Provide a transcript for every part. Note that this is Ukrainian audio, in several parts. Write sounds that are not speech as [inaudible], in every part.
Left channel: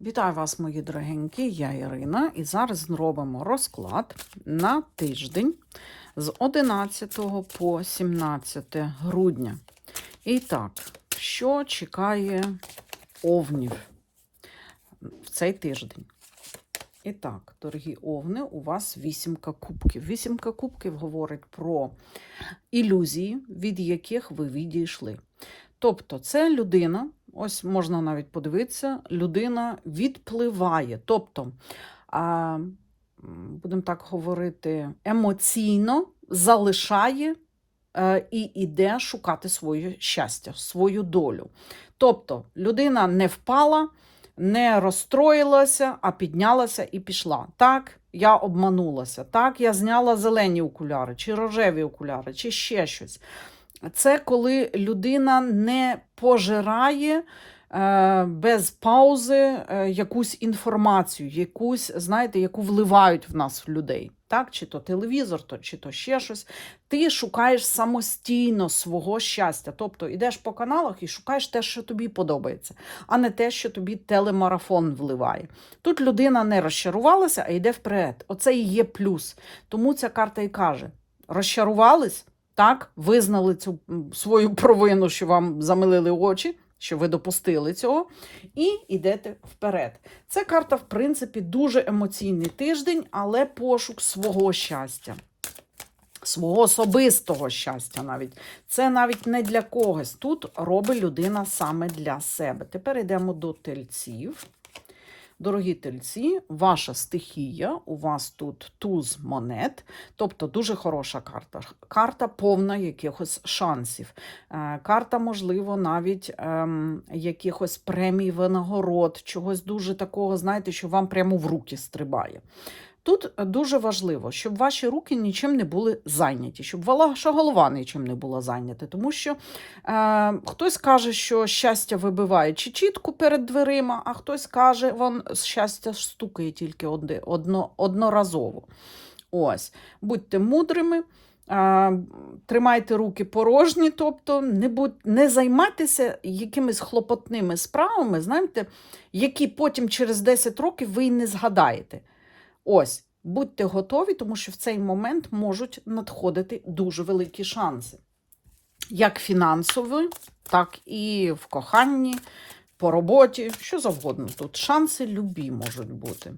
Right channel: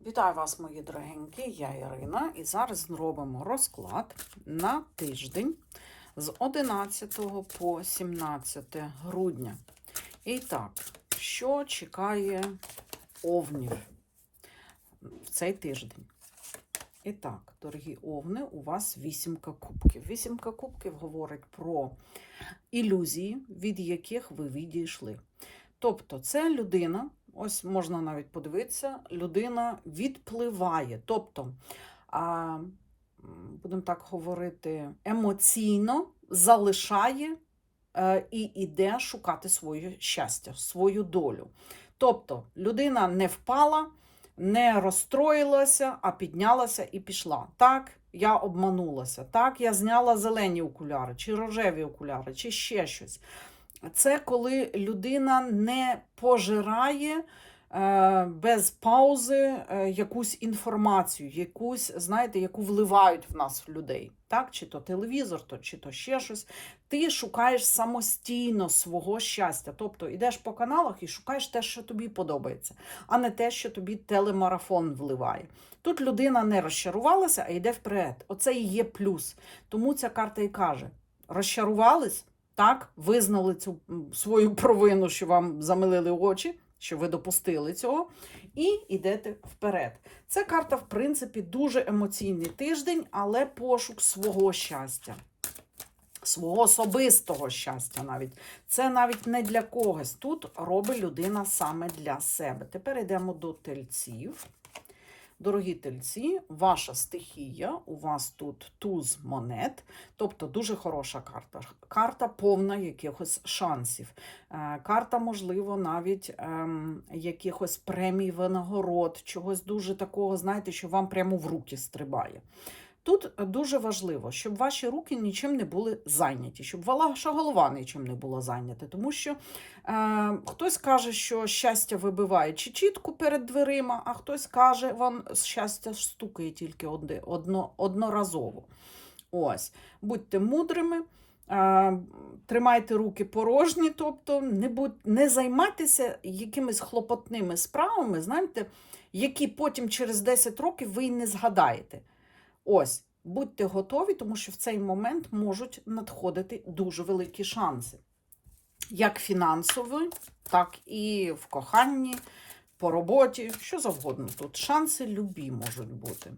Вітаю вас, мої дорогенькі, я Ірина, і зараз зробимо розклад на тиждень з 11 по 17 грудня. І так, що чекає овнів в цей тиждень? І так, дорогі овни, у вас вісімка кубків. Вісімка кубків говорить про ілюзії, від яких ви відійшли. Тобто, це людина, ось можна навіть подивитися, людина відпливає. Тобто, будемо так говорити, емоційно залишає е, і йде шукати своє щастя, свою долю. Тобто, людина не впала, не розстроїлася, а піднялася і пішла. Так, я обманулася, так, я зняла зелені окуляри, чи рожеві окуляри, чи ще щось. Це коли людина не пожирає е, без паузи е, якусь інформацію, якусь, знаєте, яку вливають в нас в людей. Так? Чи то телевізор, то, чи то ще щось. Ти шукаєш самостійно свого щастя. Тобто йдеш по каналах і шукаєш те, що тобі подобається, а не те, що тобі телемарафон вливає. Тут людина не розчарувалася, а йде вперед. Оце і є плюс. Тому ця карта і каже: розчарувались. Так, визнали цю свою провину, що вам замилили очі, що ви допустили цього, і йдете вперед. Ця карта, в принципі, дуже емоційний тиждень, але пошук свого щастя, свого особистого щастя навіть. Це навіть не для когось. Тут робить людина саме для себе. Тепер йдемо до тельців. Дорогі тельці, ваша стихія, у вас тут туз монет, тобто дуже хороша карта. Карта повна якихось шансів. Е, Карта, можливо, навіть ем, якихось премій, винагород, чогось дуже такого, знаєте, що вам прямо в руки стрибає. Тут дуже важливо, щоб ваші руки нічим не були зайняті, щоб ваша голова нічим не була зайнята. Тому що е, хтось каже, що щастя вибиває чи чітку перед дверима, а хтось каже, вон щастя стукає тільки одно, одноразово. Ось, будьте мудрими. е, Тримайте руки порожні, тобто не, будь, не займайтеся якимись хлопотними справами, знаєте, які потім через 10 років ви й не згадаєте. Ось, будьте готові, тому що в цей момент можуть надходити дуже великі шанси. Як фінансові, так і в коханні, по роботі, що завгодно. Тут шанси любі можуть бути.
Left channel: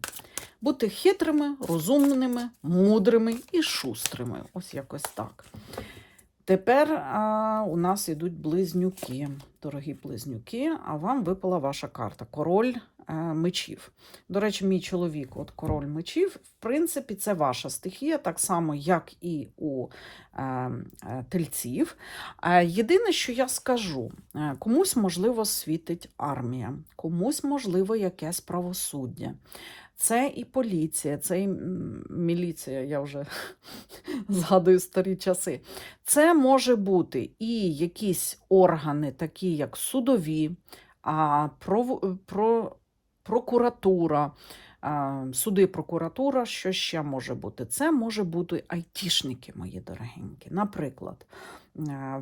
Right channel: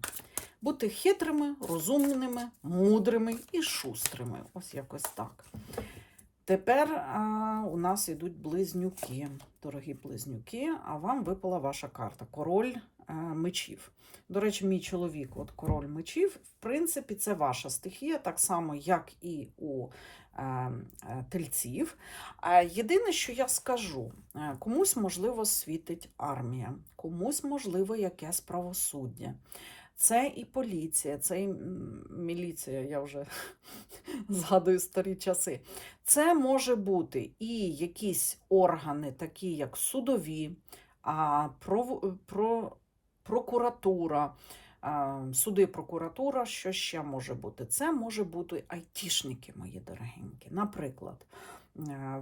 Бути хитрими, розумними, мудрими і шустрими. Ось якось так. Тепер а, у нас йдуть близнюки, дорогі близнюки, а вам випала ваша карта король мечів. До речі, мій чоловік, от король мечів, в принципі, це ваша стихія, так само, як і у е, е, тельців. Е, єдине, що я скажу, е, комусь, можливо, світить армія, комусь, можливо, якесь правосуддя. Це і поліція, це і міліція, я вже [laughs] згадую старі часи. Це може бути і якісь органи, такі як судові, про, про, прокуратура, суди, прокуратура, що ще може бути? Це може бути айтішники, мої дорогенькі. Наприклад,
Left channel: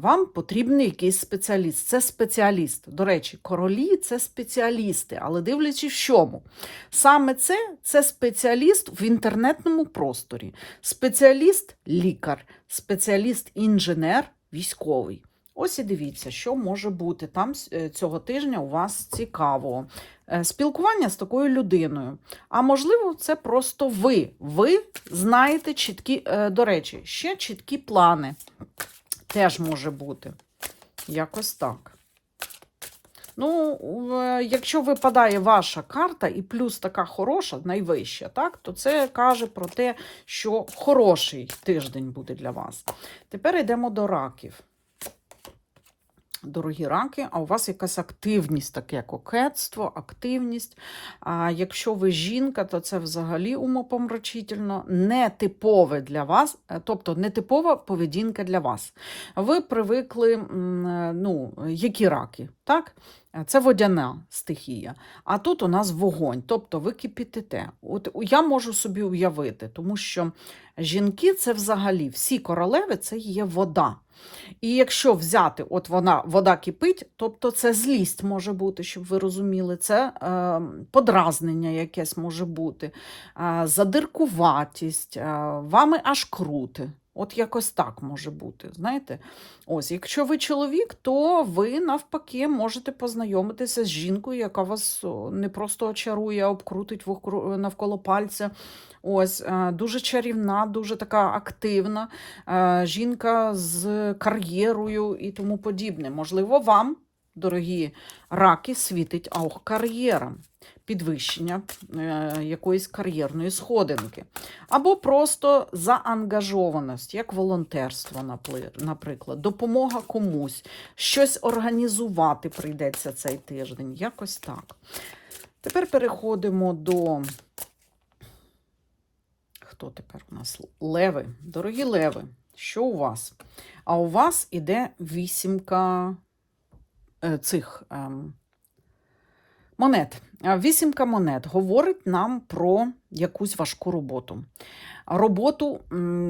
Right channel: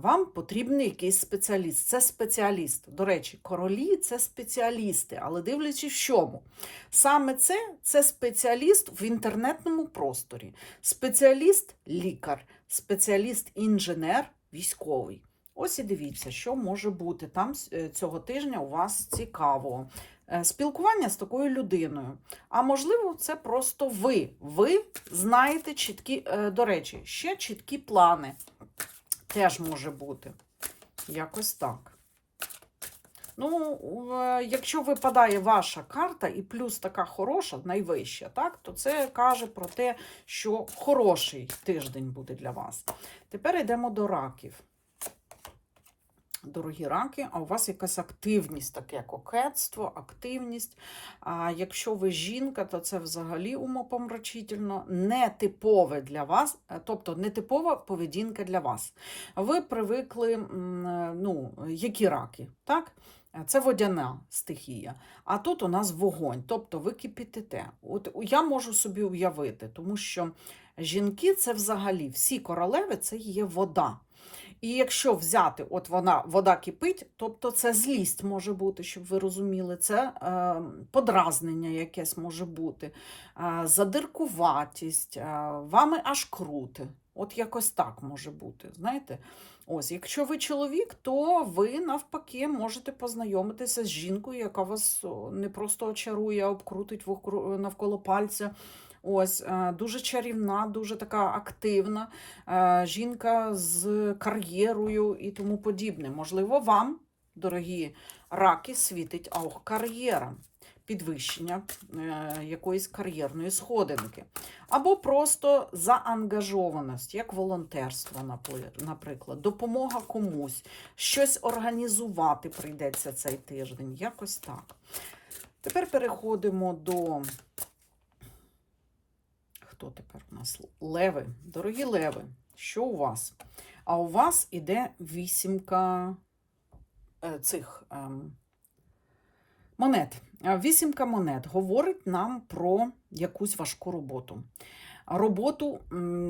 вам потрібен якийсь спеціаліст. Це спеціаліст. До речі, королі це спеціалісти, але дивлячись в чому. Саме це це спеціаліст в інтернетному просторі, спеціаліст лікар, спеціаліст-інженер, військовий. Ось і дивіться, що може бути там е, цього тижня у вас цікавого. Е, Спілкування з такою людиною. А можливо, це просто ви. Ви знаєте чіткі, е, до речі, ще чіткі плани. Теж може бути. Якось так. Ну, якщо випадає ваша карта і плюс така хороша, найвища, так, то це каже про те, що хороший тиждень буде для вас. Тепер йдемо до раків. Дорогі раки, а у вас якась активність, таке кокетство, активність. А якщо ви жінка, то це взагалі умопомрачительно, нетипове для вас, е, тобто нетипова поведінка для вас. Ви привикли, е, ну, які раки, так? Це водяна стихія. А тут у нас вогонь, тобто ви кипітите. От я можу собі уявити, тому що Жінки це взагалі всі королеви це є вода. І якщо взяти, от вона вода кипить, тобто це злість може бути, щоб ви розуміли, це е, подразнення якесь може бути, е, задиркуватість, е, вами аж крути. От якось так може бути. Знаєте? Ось, якщо ви чоловік, то ви навпаки можете познайомитися з жінкою, яка вас не просто очарує, а обкрутить навколо пальця. Ось е, дуже чарівна, дуже така активна е, жінка з кар'єрою і тому подібне. Можливо, вам, дорогі раки, світить ах, кар'єра, підвищення е, якоїсь кар'єрної сходинки. Або просто заангажованість, як волонтерство, наприклад, допомога комусь, щось організувати прийдеться цей тиждень. Якось так. Тепер переходимо до. Хто тепер у нас? Леви. Дорогі леви, що у вас? А у вас іде вісімка е, цих ем, монет. Вісімка монет говорить нам про якусь важку роботу. Роботу,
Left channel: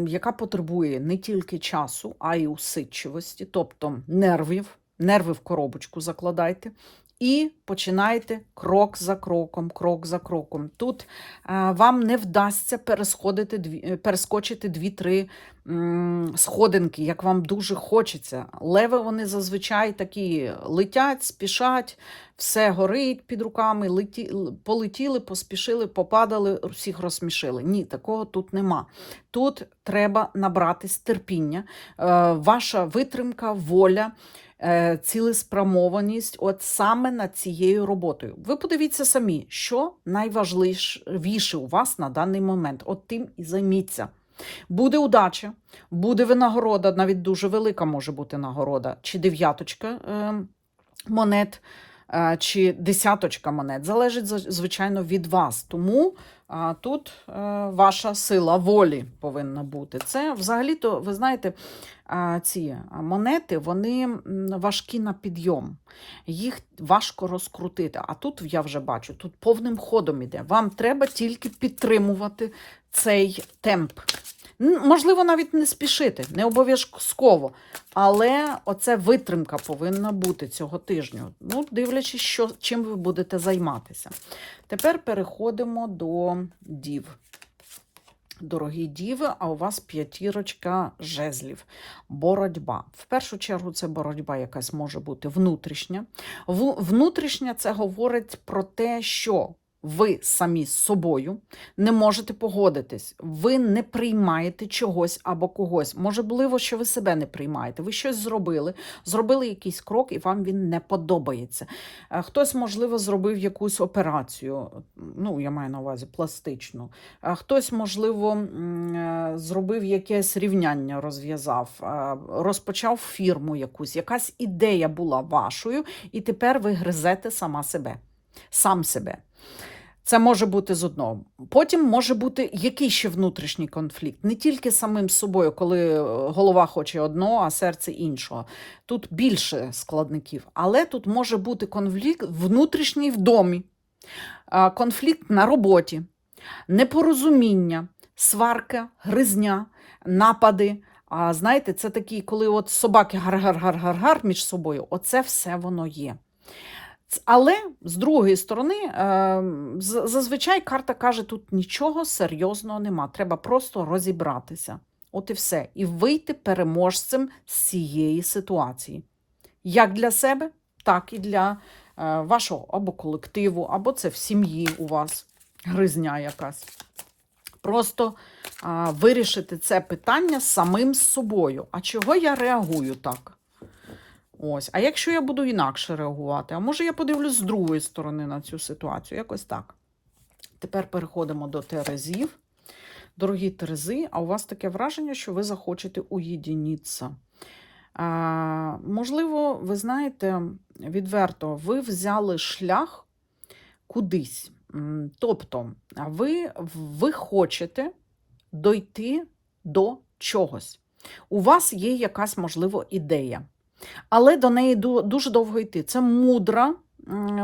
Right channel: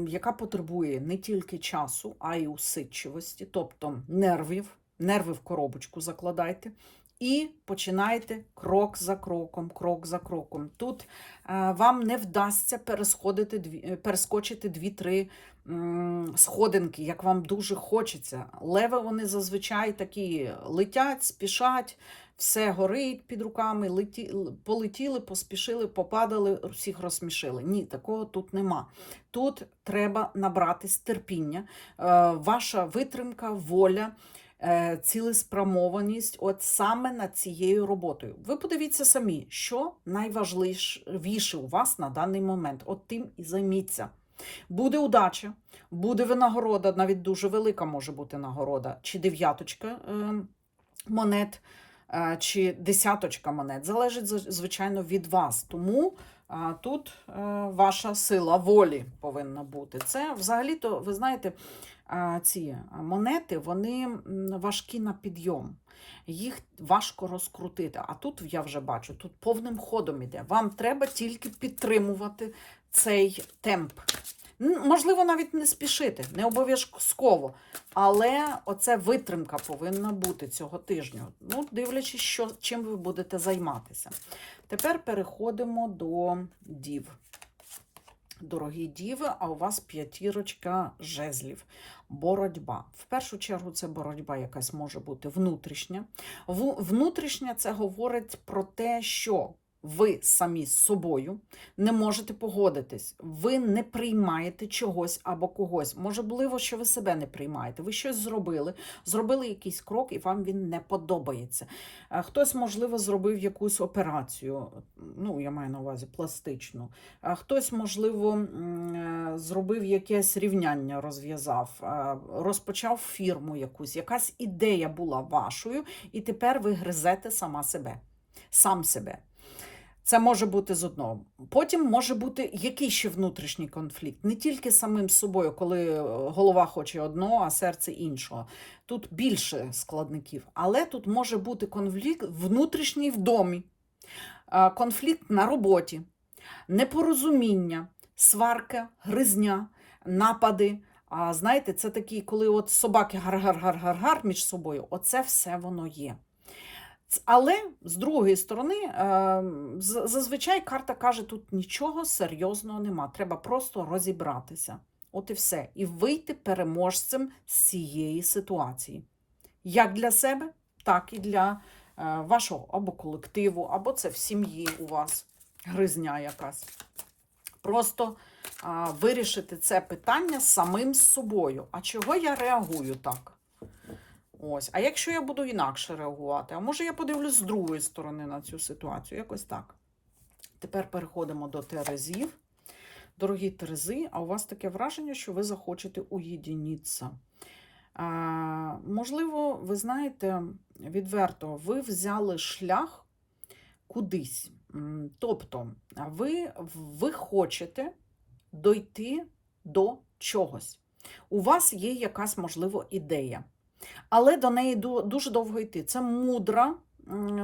яка потребує не тільки часу, а й усидчивості, тобто нервів, нерви в коробочку закладайте. І починайте крок за кроком, крок за кроком. Тут е, вам не вдасться е, перескочити дві-три м, сходинки, як вам дуже хочеться. Леви вони зазвичай такі летять, спішать, все горить під руками, леті, полетіли, поспішили, попадали, всіх розсмішили. Ні, такого тут нема. Тут треба набратись терпіння, е, ваша витримка, воля. Е, Цілеспрямованість, от саме над цією роботою. Ви подивіться самі, що найважливіше у вас на даний момент. От тим і займіться. Буде удача, буде винагорода, навіть дуже велика може бути нагорода, чи дев'яточка е, монет, чи десяточка монет. Залежить, за- звичайно, від вас. Тому тут е, ваша сила волі повинна бути. Це взагалі-то, ви знаєте, ці монети вони важкі на підйом. Їх важко розкрутити. А тут я вже бачу, тут повним ходом іде. Вам треба тільки підтримувати цей темп. Можливо, навіть не спішити, не обов'язково. Але оце витримка повинна бути цього тижню. Ну, дивлячись, що, чим ви будете займатися. Тепер переходимо до дів. Дорогі діви, а у вас п'ятірочка жезлів. Боротьба. В першу чергу, це боротьба якась може бути внутрішня. Внутрішня це говорить про те, що ви самі з собою не можете погодитись, ви не приймаєте чогось або когось. Можливо, що ви себе не приймаєте. Ви щось зробили, зробили якийсь крок, і вам він не подобається. Е, Хтось, можливо, зробив якусь операцію, ну, я маю на увазі пластичну. Хтось, можливо, е, зробив якесь рівняння, розв'язав, е, розпочав фірму якусь, якась ідея була вашою, і тепер ви гризете сама себе, сам себе. Це може бути з одного. Потім може бути який ще внутрішній конфлікт. Не тільки самим собою, коли е, голова хоче одного, а серце іншого. Тут більше складників. Але тут може бути конфлікт внутрішній в домі, конфлікт на роботі, непорозуміння, сварка, гризня, напади. А знаєте, це такі, коли от собаки гар-гар-гар-гар-гар між собою, оце все воно є. Але з другої сторони, е, зазвичай карта каже, тут нічого серйозного нема. Треба просто розібратися. От і все. І вийти переможцем з цієї ситуації. Як для себе, так і для е, вашого або колективу, або це в сім'ї у вас гризня якась. Просто вирішити це питання самим з собою. А чого я реагую так? Ось. А якщо я буду інакше реагувати? А може я подивлюсь з другої сторони на цю ситуацію? Якось так. Тепер переходимо до терезів. Дорогі терези, а у вас таке враження, що ви захочете уєдинитися. А, можливо, ви знаєте, відверто, ви взяли шлях кудись. Тобто, ви, ви хочете дойти до чогось. У вас є якась, можливо, ідея, але до неї дуже довго йти. Це мудра,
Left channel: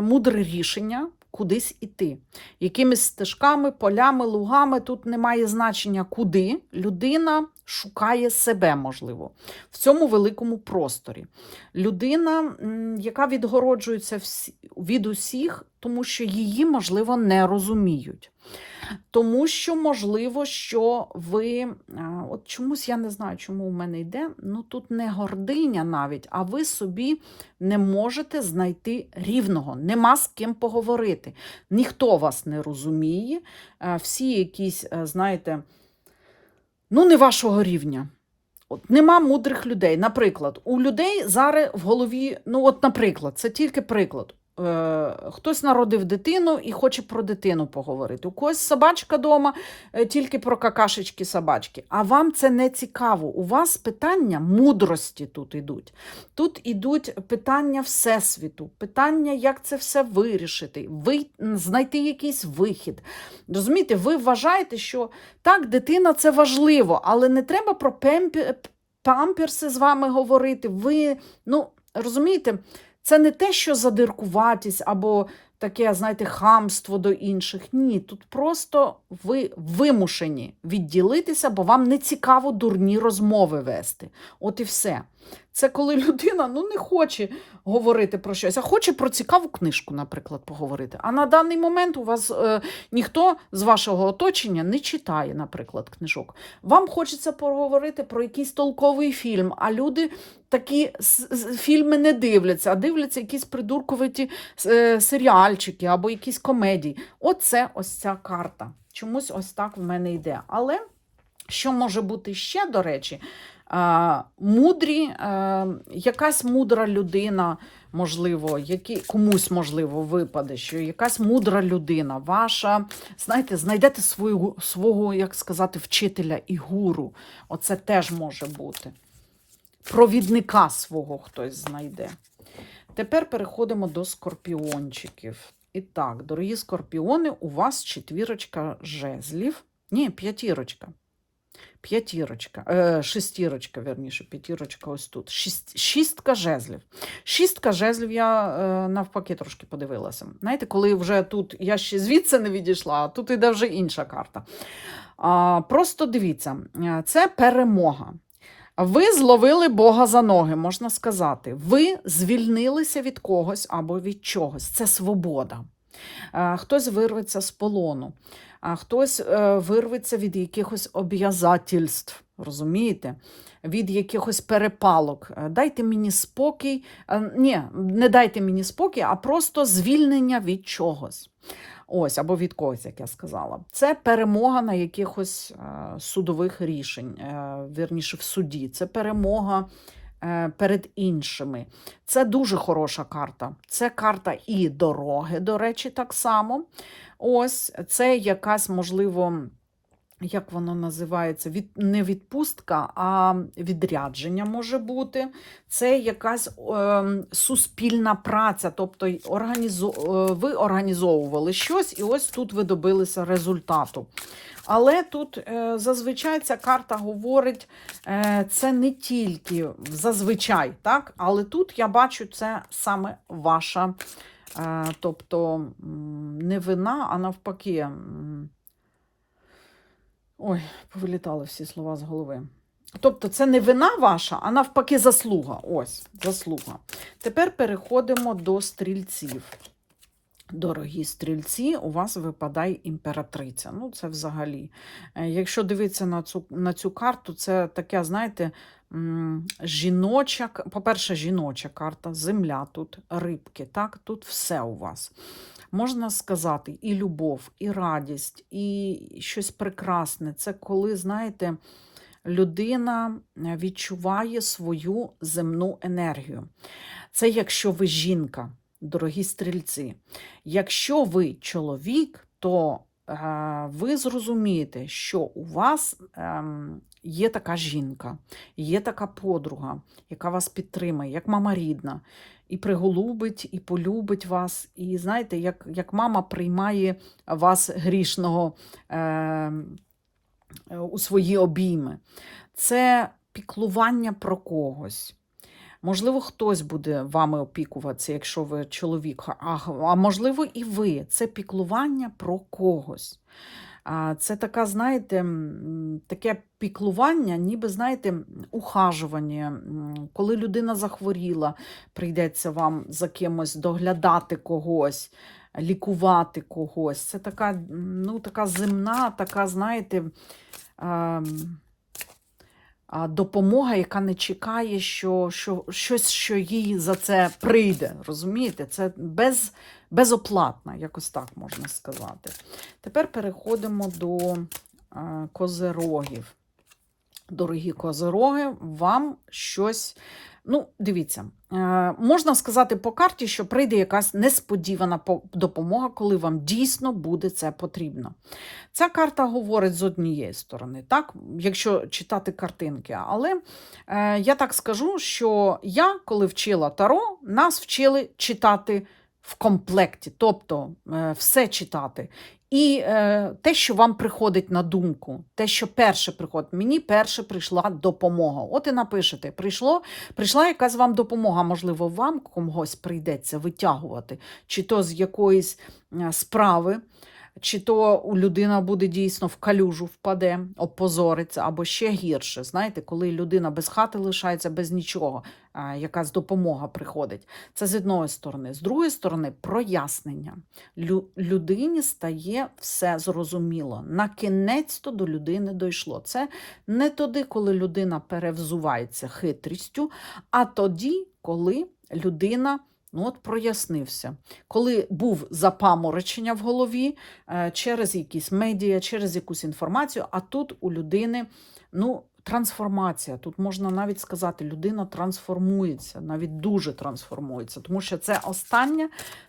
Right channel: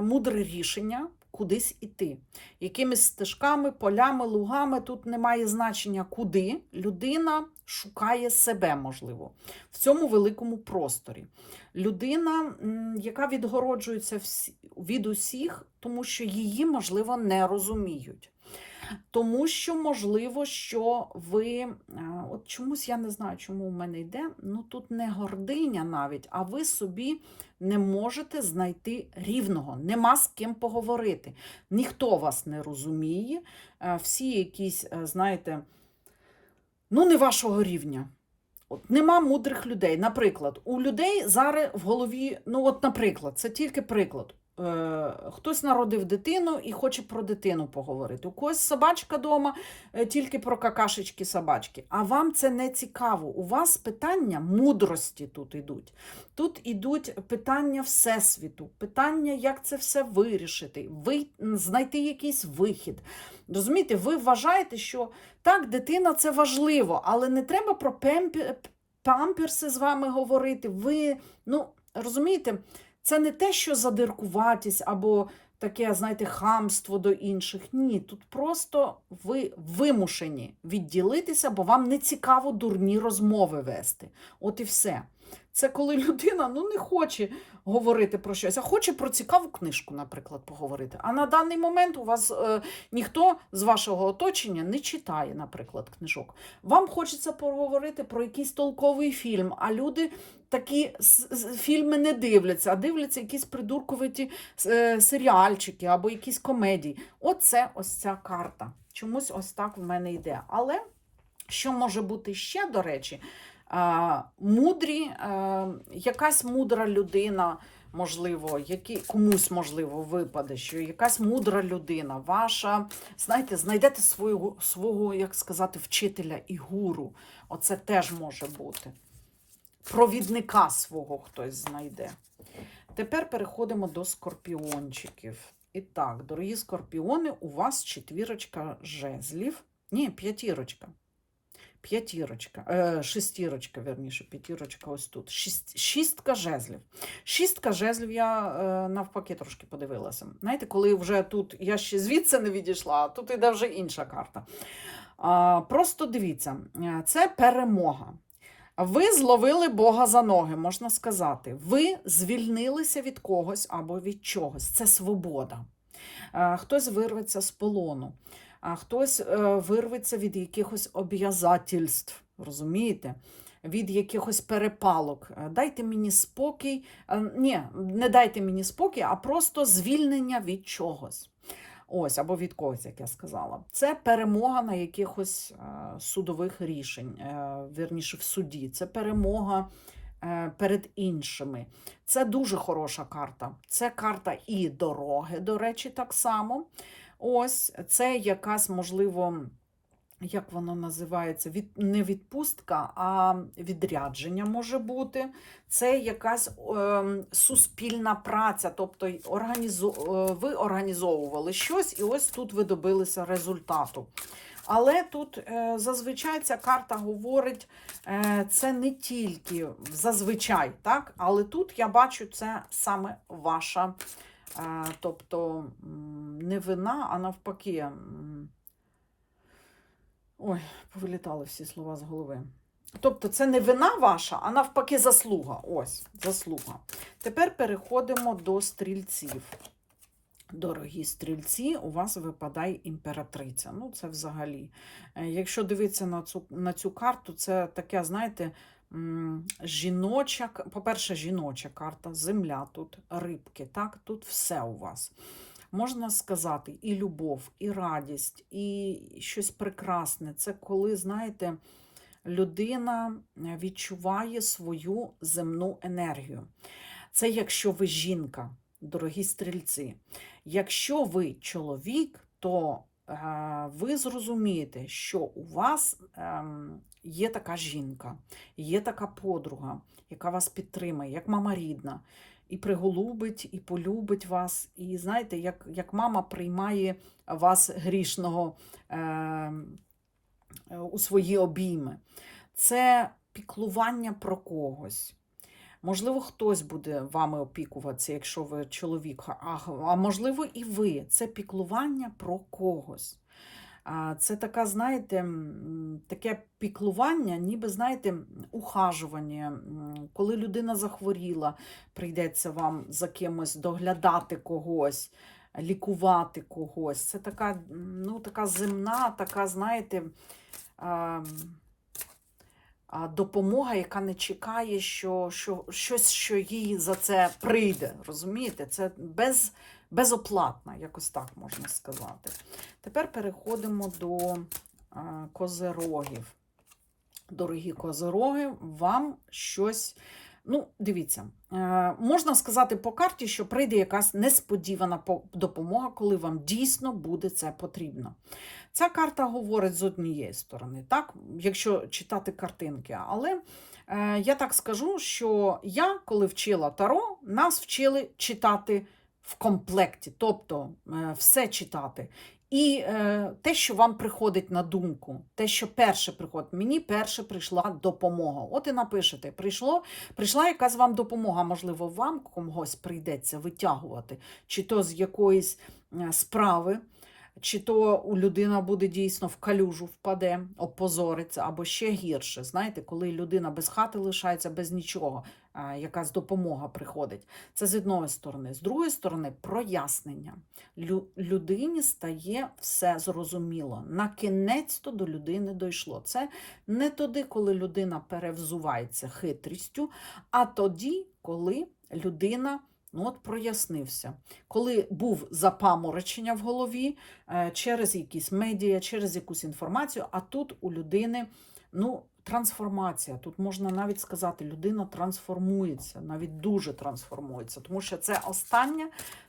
мудре рішення, кудись іти. Якимись стежками, полями, лугами тут немає значення, куди людина шукає себе, можливо, в цьому великому просторі. Людина, яка відгороджується від усіх, тому що її, можливо, не розуміють. Тому що, можливо, що ви, от чомусь я не знаю, чому у мене йде, ну тут не гординя навіть, а ви собі не можете знайти рівного, нема з ким поговорити. Ніхто вас не розуміє, всі якісь, е, знаєте, ну, не вашого рівня. От, нема мудрих людей. Наприклад, у людей зараз в голові, ну, от, наприклад, це тільки приклад. Е, хтось народив дитину і хоче про дитину поговорити. У когось собачка вдома, тільки про какашечки собачки. А вам це не цікаво. У вас питання мудрості тут ідуть. Тут ідуть питання Всесвіту, питання, як це все вирішити, ви, знайти якийсь вихід. Розумієте, ви вважаєте, що так, дитина це важливо, але не треба про памперси з вами говорити. Ви, ну, розумієте, це не те, що задиркуватись або таке, знаєте, хамство до інших. Ні, тут просто ви вимушені відділитися, бо вам не цікаво дурні розмови вести. От і все. Це коли людина ну, не хоче говорити про щось, а хоче про цікаву книжку, наприклад, поговорити. А на даний момент у вас е, ніхто з вашого оточення не читає, наприклад, книжок. Вам хочеться поговорити про якийсь толковий фільм, а люди такі фільми не дивляться, а дивляться якісь придурковаті е, серіальчики або якісь комедії. Оце ось ця карта. Чомусь ось так в мене йде. Але що може бути ще, до речі, мудрі, е, якась мудра людина, можливо, які, комусь, можливо, випаде, що якась мудра людина, ваша, знаєте, знайдете свою, свого, як сказати, вчителя і гуру. Оце теж може бути. Провідника свого хтось знайде. Тепер переходимо до скорпіончиків. І так, дорогі скорпіони, у вас четвірочка жезлів. Ні, п'ятірочка. П'ятірочка, е, шестірочка, верніше, п'ятірочка ось тут. Шість, шістка жезлів. Шістка жезлів я е, навпаки трошки подивилася. Знаєте, коли вже тут я ще звідси не відійшла, а тут іде вже інша карта. А, просто дивіться, е, це перемога. Ви зловили Бога за ноги, можна сказати. Ви звільнилися від когось або від чогось. Це свобода. А, Хтось вирветься з полону, а хтось е, вирветься від якихось об'язательств, розумієте? Від якихось перепалок. Е, Дайте мені спокій. Е, Ні, не дайте мені спокій, а просто звільнення від чогось. Ось, або від когось, як я сказала. Це перемога на якихось судових рішень, вірніше в суді. Це перемога перед іншими. Це дуже хороша карта. Це карта і дороги, до речі, так само. Ось, це якась, можливо, як воно називається, від, не відпустка, а відрядження може бути. Це якась е, суспільна праця, тобто організо, е, ви організовували щось, і ось тут ви добилися результату. Але тут е, зазвичай ця карта говорить, е, це не тільки зазвичай, так? але тут я бачу, це саме ваша, е, тобто не вина, а навпаки. Ой, повилітали всі слова з голови. Тобто це не вина ваша, а навпаки заслуга. Ось, заслуга. Тепер переходимо до стрільців. Дорогі стрільці, у вас випадає імператриця. Ну, це взагалі. Е, Якщо дивитися на цю, на цю карту, це таке, знаєте, жіноча, по-перше, жіноча карта, земля тут, рибки, так, тут все у вас. Можна сказати, і любов, і радість, і щось прекрасне. Це коли, знаєте, людина е, відчуває свою земну енергію. Це якщо ви жінка, дорогі стрільці. Якщо ви чоловік, то е, ви зрозумієте, що у вас ем, є така жінка, є така подруга, яка вас підтримає, як мама рідна, і приголубить, і полюбить вас. І знаєте, як, як мама приймає вас грішного е, у свої обійми. Це піклування про когось. Можливо, хтось буде вами опікуватися, якщо ви чоловік, а, а можливо, і ви. Це піклування про когось. Це така, знаєте, таке піклування, ніби, знаєте, ухажування. Коли людина захворіла, прийдеться вам за кимось доглядати когось, лікувати когось. Це така, ну, така земна, така, знаєте, допомога, яка не чекає, що, що щось, що їй за це прийде. Розумієте? Це без, безоплатна, якось так можна сказати. Тепер переходимо до козерогів. Дорогі козероги, вам щось. Ну, дивіться, е, можна сказати по карті, що прийде якась несподівана допомога, коли вам дійсно буде це потрібно. Ця карта говорить з однієї сторони, так, якщо читати картинки. Але е, я так скажу, що я, коли вчила Таро, нас вчили читати в комплекті, тобто е, все читати. І е, те, що вам приходить на думку, те, що перше приходить, мені перше прийшла допомога. От і напишете, прийшло, прийшла якась вам допомога, можливо, вам когось прийдеться витягувати, чи то з якоїсь е, справи, чи то у людина буде дійсно в калюжу впаде, опозориться, або ще гірше. Знаєте, коли людина без хати лишається, без нічого, якась допомога приходить. Це з одної сторони. З другої сторони, прояснення. Лю- людині стає все зрозуміло. На кінець то до людини дійшло. Це не тоді, коли людина перевзувається хитрістю, а тоді, коли людина. Ну, от прояснився. Коли був запаморочення в голові е, через якісь медіа, через якусь інформацію, а тут у людини ну, трансформація. Тут можна навіть сказати, людина трансформується, навіть дуже трансформується, тому що це остання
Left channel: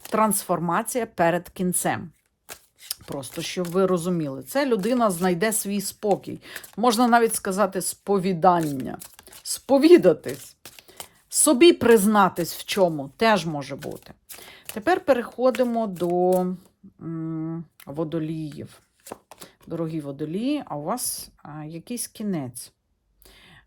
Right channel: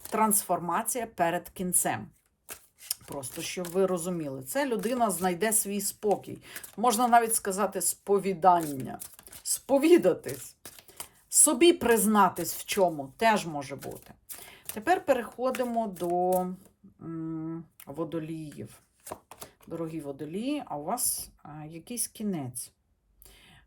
трансформація перед кінцем. Просто щоб ви розуміли, це людина знайде свій спокій. Можна навіть сказати сповідання, сповідатись, собі признатись в чому теж може бути. Тепер переходимо до водоліїв. Дорогі водолії, а у вас якийсь кінець,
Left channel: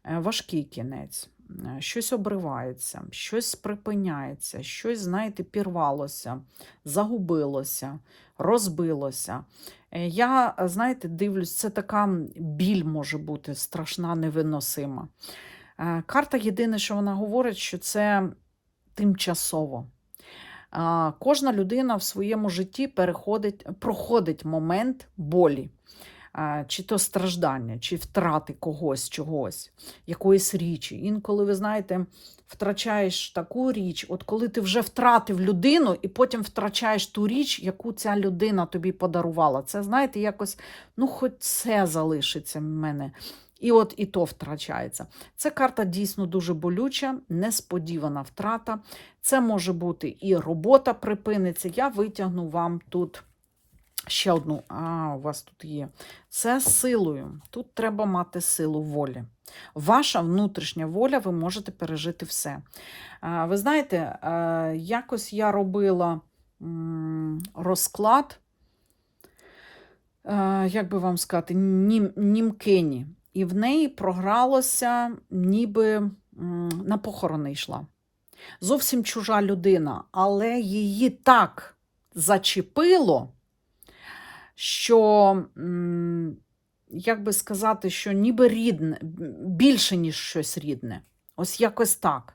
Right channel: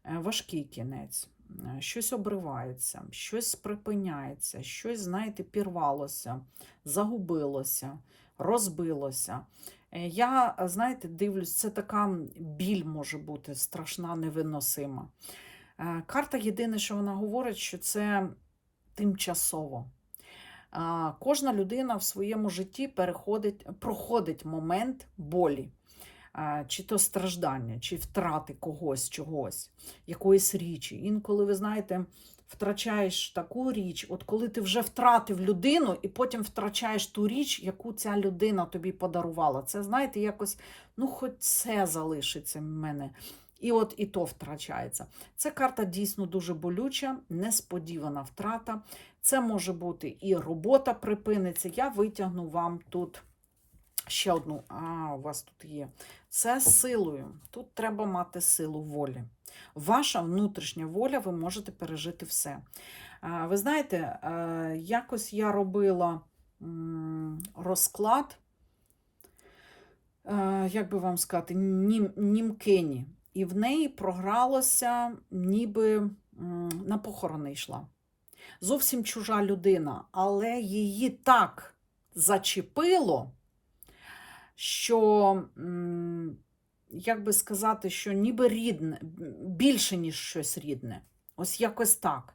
е, важкий кінець. Е, Щось обривається, щось припиняється, щось, знаєте, пірвалося, загубилося, розбилося. Е, Я, е, знаєте, дивлюсь, це така біль може бути страшна, невиносима. Е, Карта єдине, що вона говорить, що це тимчасово. Кожна людина в своєму житті переходить, проходить момент болі, чи то страждання, чи втрати когось, чогось, якоїсь річі. Інколи, ви знаєте, втрачаєш таку річ, от коли ти вже втратив людину, і потім втрачаєш ту річ, яку ця людина тобі подарувала. Це, знаєте, якось, ну, хоч це залишиться в мене. І от і то втрачається. Це карта дійсно дуже болюча, несподівана втрата. Це може бути і робота припиниться. Я витягну вам тут ще одну. А, у вас тут є. Це силою. Тут треба мати силу волі. Ваша внутрішня воля, ви можете пережити все. Ви знаєте, якось я робила розклад, як би вам сказати, нім, німкині. І в неї програлося, ніби на похорони йшла зовсім чужа людина, але її так зачепило, що, як би сказати, що ніби рідне, більше, ніж щось рідне. Ось якось так.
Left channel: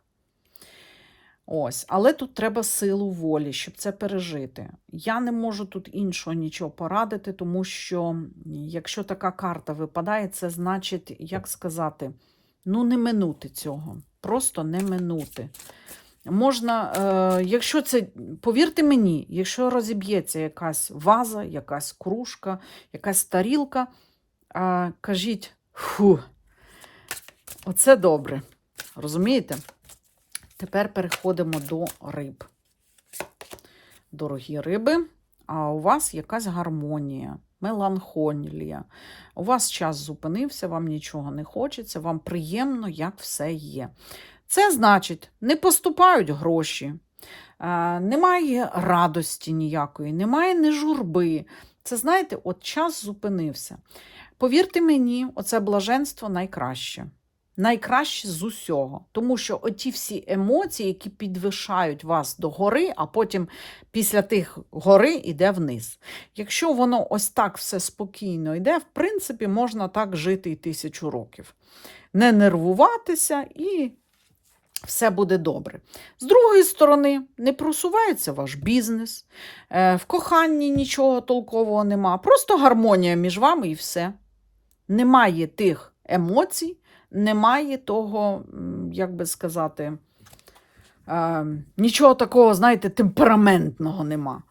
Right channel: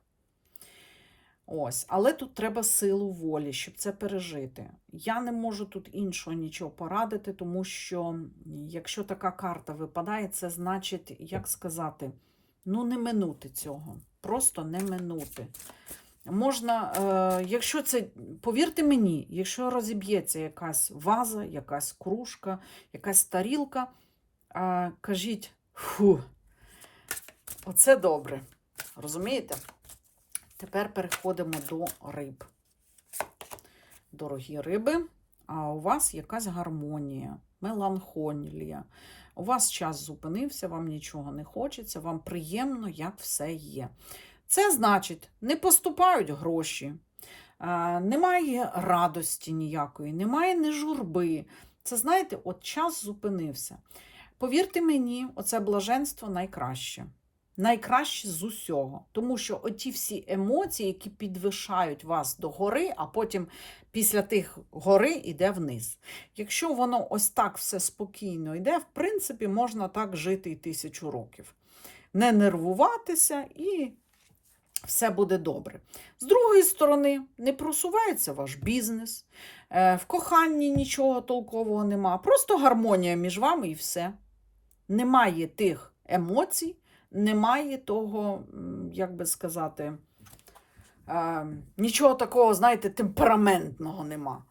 Ось, але тут треба силу волі, щоб це пережити. Я не можу тут іншого нічого порадити, тому що якщо така карта випадає, це значить, як сказати, ну не минути цього. Просто не минути. Можна, е, якщо це, повірте мені, якщо розіб'ється якась ваза, якась кружка, якась тарілка, е, кажіть, фу, оце добре. Розумієте? Тепер переходимо до риб. Дорогі риби, а у вас якась гармонія, меланхолія. У вас час зупинився, вам нічого не хочеться, вам приємно, як все є. Це значить, не поступають гроші, немає радості ніякої, немає ні журби. Це знаєте, от час зупинився. Повірте мені, оце блаженство найкраще. Найкраще з усього. Тому що оті всі емоції, які підвишають вас до гори, а потім після тих гори йде вниз. Якщо воно ось так все спокійно йде, в принципі, можна так жити і тисячу років. Не нервуватися і все буде добре. З другої сторони, не просувається ваш бізнес, е, в коханні нічого толкового нема, просто гармонія між вами і все. Немає тих емоцій, немає того, як би сказати, е, нічого такого, знаєте, темпераментного нема.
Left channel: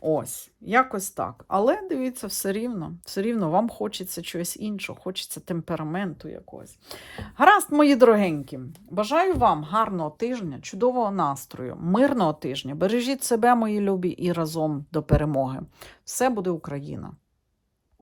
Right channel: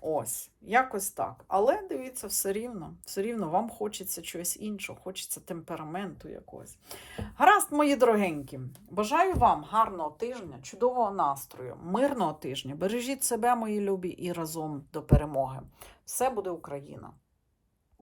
Ось, якось так. Але дивіться, все рівно, все рівно вам хочеться чогось іншого, хочеться темпераменту якогось. Гаразд, мої дорогенькі, бажаю вам гарного тижня, чудового настрою, мирного тижня. Бережіть себе, мої любі, і разом до перемоги. Все буде Україна!